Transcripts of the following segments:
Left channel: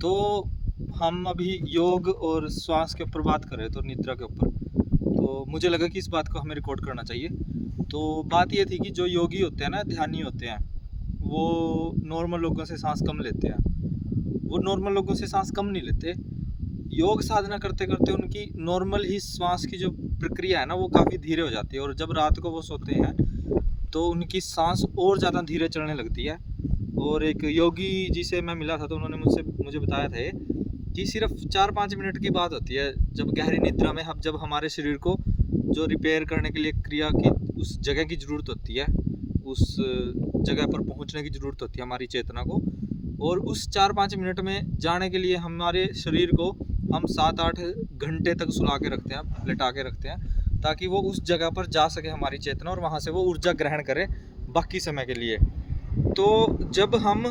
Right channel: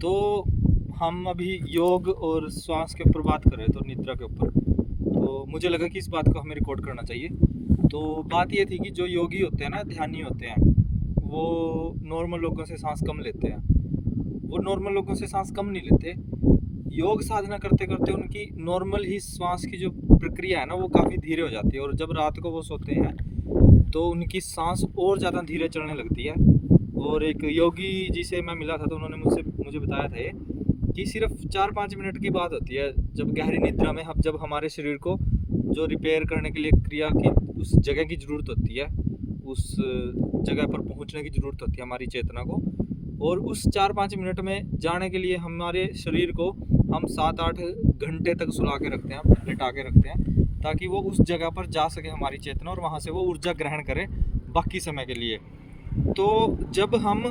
तो हम अभी योग और श्वास के ऊपर बात कर रहे थे और निद्रा के ऊपर। तो मुझे लगा कि इस बात को हमें रिकॉर्ड करना चाहिए। तो बात ये थी कि जो योगी होते हैं ना, ध्यानी होते हैं, वो नॉर्मल लोगों से सांस कम लेते हैं। वो नॉर्मल लोगों से सांस कम नहीं लेते। योग साधना करते करते उनकी नॉर्मल ही श्वास की जो प्रक्रिया है ना, वो काफ़ी धीरे हो जाती है। और जब रात को वो सोते हैं तो उनकी सांस और ज़्यादा धीरे चलने लगती है। और एक योगी जी से मैं मिला था तो उन्होंने मुझे बताया था ये कि सिर्फ 4-5 मिनट की बात होती है जब गहरी निद्रा में जब हमारे शरीर को जो रिपेयर करने के लिए क्रिया की उस जगह की ज़रूरत होती है, उस जगह पर पहुंचने की ज़रूरत होती है हमारी चेतना को। और उस 4-5 मिनट में जाने के लिए हमारे शरीर को हम 7-8 घंटे तक सुला के रखते हैं, लेटा के रखते हैं, ताकि वो उस जगह पर जा सके हमारी चेतना और वहाँ से वो ऊर्जा ग्रहण करे बाकी समय के लिए। तो जब हम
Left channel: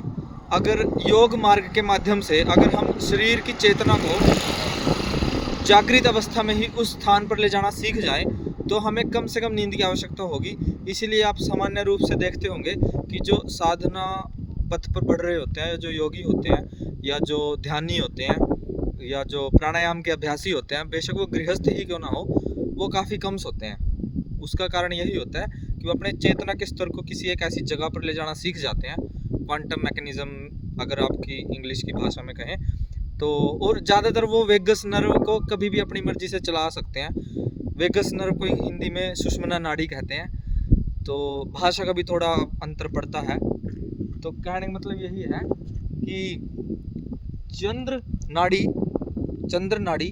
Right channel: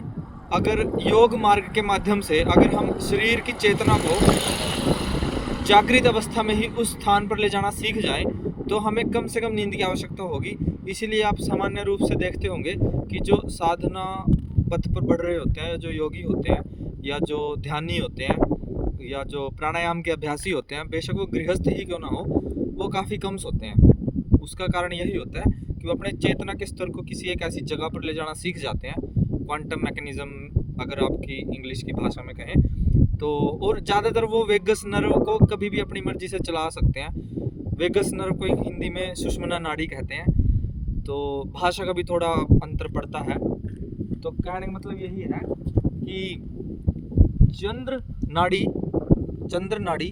अगर योग मार्ग के माध्यम से अगर हम शरीर की चेतना को जागृत अवस्था में ही उस स्थान पर ले जाना सीख जाएं, तो हमें कम से कम नींद की आवश्यकता होगी। इसीलिए आप सामान्य रूप से देखते होंगे कि जो साधना पथ पर बढ़ रहे होते हैं, जो योगी होते हैं या जो ध्यानी होते हैं या जो प्राणायाम के अभ्यासी होते हैं, बेशक वो गृहस्थ ही क्यों ना हो, वो काफ़ी कम सोते हैं। उसका कारण यही होता है कि वो अपने चेतना के स्तर को किसी एक ऐसी जगह पर ले जाना सीख जाते हैं, क्वांटम मैकेनिज्म अगर आपकी इंग्लिश की भाषा में कहें तो। और ज़्यादातर वो वेगस नर्व को कभी भी अपनी मर्जी से चला सकते हैं। वेगस नर्व को हिंदी में सुषुम्ना नाड़ी कहते हैं। तो भाषा का भी थोड़ा अंतर पड़ता है। तो कहने का मतलब यही है कि चंद्र नाड़ी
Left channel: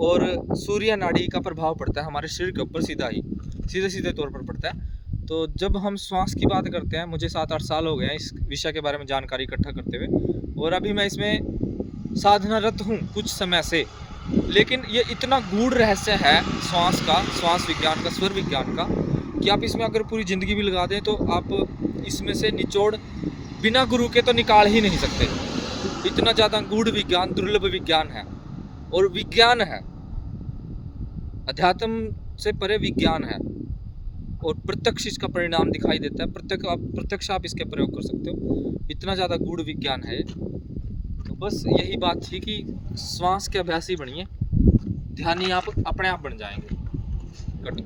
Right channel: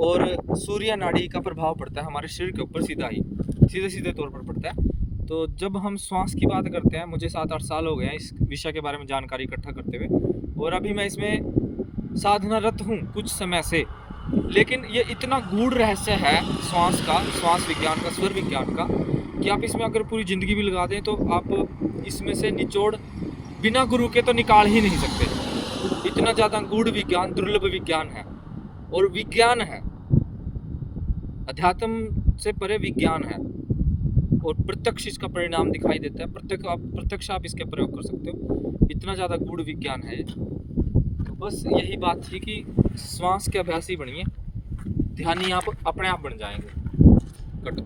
और सूर्य नाड़ी का प्रभाव पड़ता है हमारे शरीर के ऊपर सीधे तौर पर पड़ता है। तो जब हम श्वास की बात करते हैं, मुझे 7-8 साल हो गए हैं इस विषय के बारे में जानकारी इकट्ठा करते हुए, और अभी मैं इसमें साधनारत हूँ कुछ समय से। लेकिन ये इतना गूढ़ रहस्य है श्वास विज्ञान का, स्वर विज्ञान का, कि आप इसमें अगर पूरी ज़िंदगी भी लगा दें तो आप इसमें से निचोड़ बिना गुरु के तो निकाल ही नहीं सकते। इतना ज़्यादा गूढ़ विज्ञान, दुर्लभ विज्ञान है। और विज्ञान है, अध्यात्म से परे विज्ञान है, और प्रत्यक्ष इसका परिणाम दिखाई देता है। प्रत्यक्ष आप इसके प्रयोग कर सकते हो। इतना ज़्यादा गूढ़ विज्ञान है। तो बस यही बात थी कि श्वास के अभ्यासी बनिए, ध्यानी आप अपने आप बन जाएंगे। कट।